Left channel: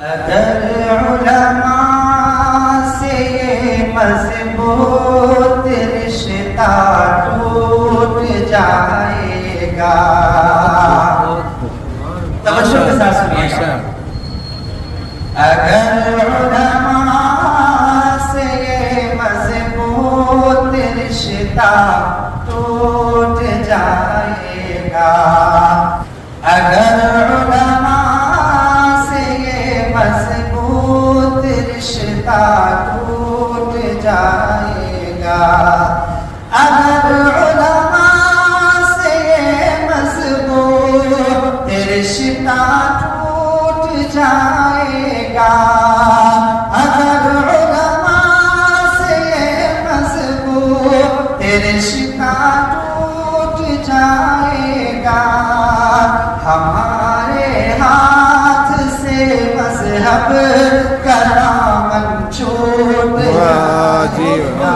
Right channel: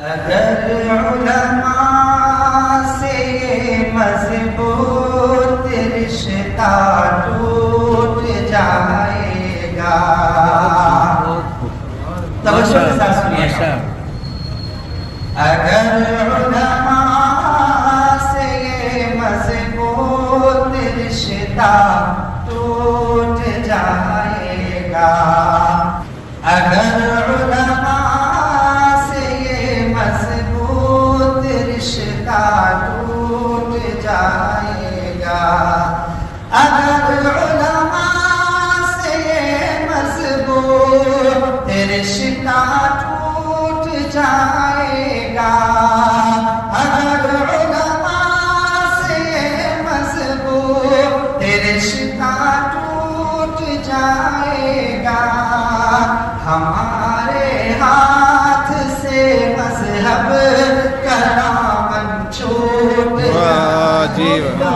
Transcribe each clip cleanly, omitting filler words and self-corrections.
اگر علماء سے یہ مضبوط رشتہ ٹوٹ جائے گا، توجہ کے ساتھ سنیے گا، اگر علماء سے یہ مضبوط رشتہ ٹوٹ جائے گا، اگر علماء سے یہ مضبوط رشتہ ٹوٹ جائے گا، اگر علماء سے یہ مضبوط رشتہ ٹوٹ جائے گا، اگر علماء سے یہ مضبوط رشتہ ٹوٹ جائے گا، ہمارے ہاتھ سے مذہب کا دامن چھوٹ جائے گا،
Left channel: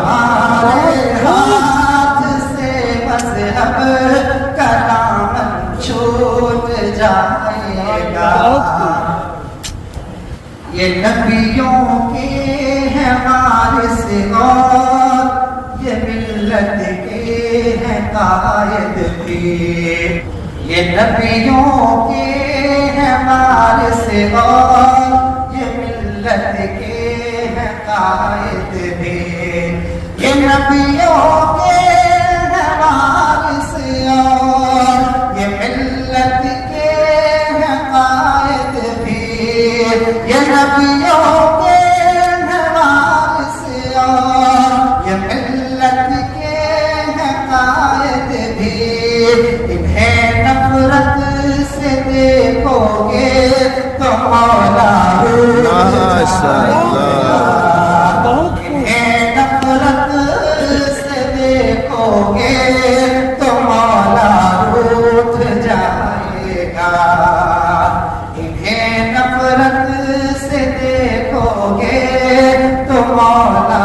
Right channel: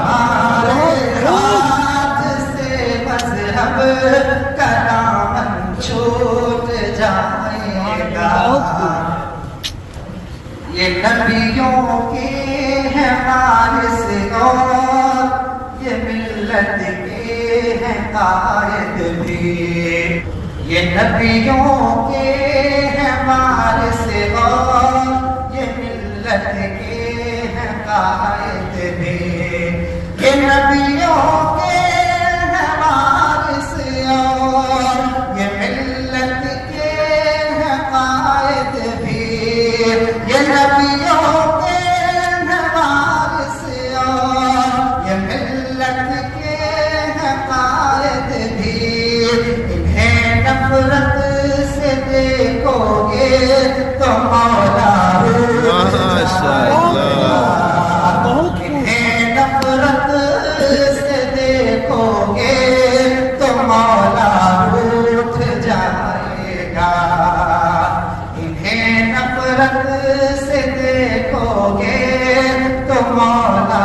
ہمارے ہاتھ سے مذہب کا دامن چھوٹ جائے گا، یہ نبیوں کے ہیں وارث اور یہ ملت کے ہیں قائد بھی، یہ نبیوں کے ہیں وارث اور یہ ملت کے ہیں قائد بھی، یہ نبیوں کے ہیں وارث اور یہ ملت کے ہیں قائد بھی، یہ نبیوں کے ہیں وارث اور یہ ملت کے ہیں قائد بھی، انہیں نفرت سے دیکھو گے تو مولا انہیں نفرت سے دیکھو گے تو مولا روٹھ جائے گا، انہیں نفرت سے دیکھو گے تو مولا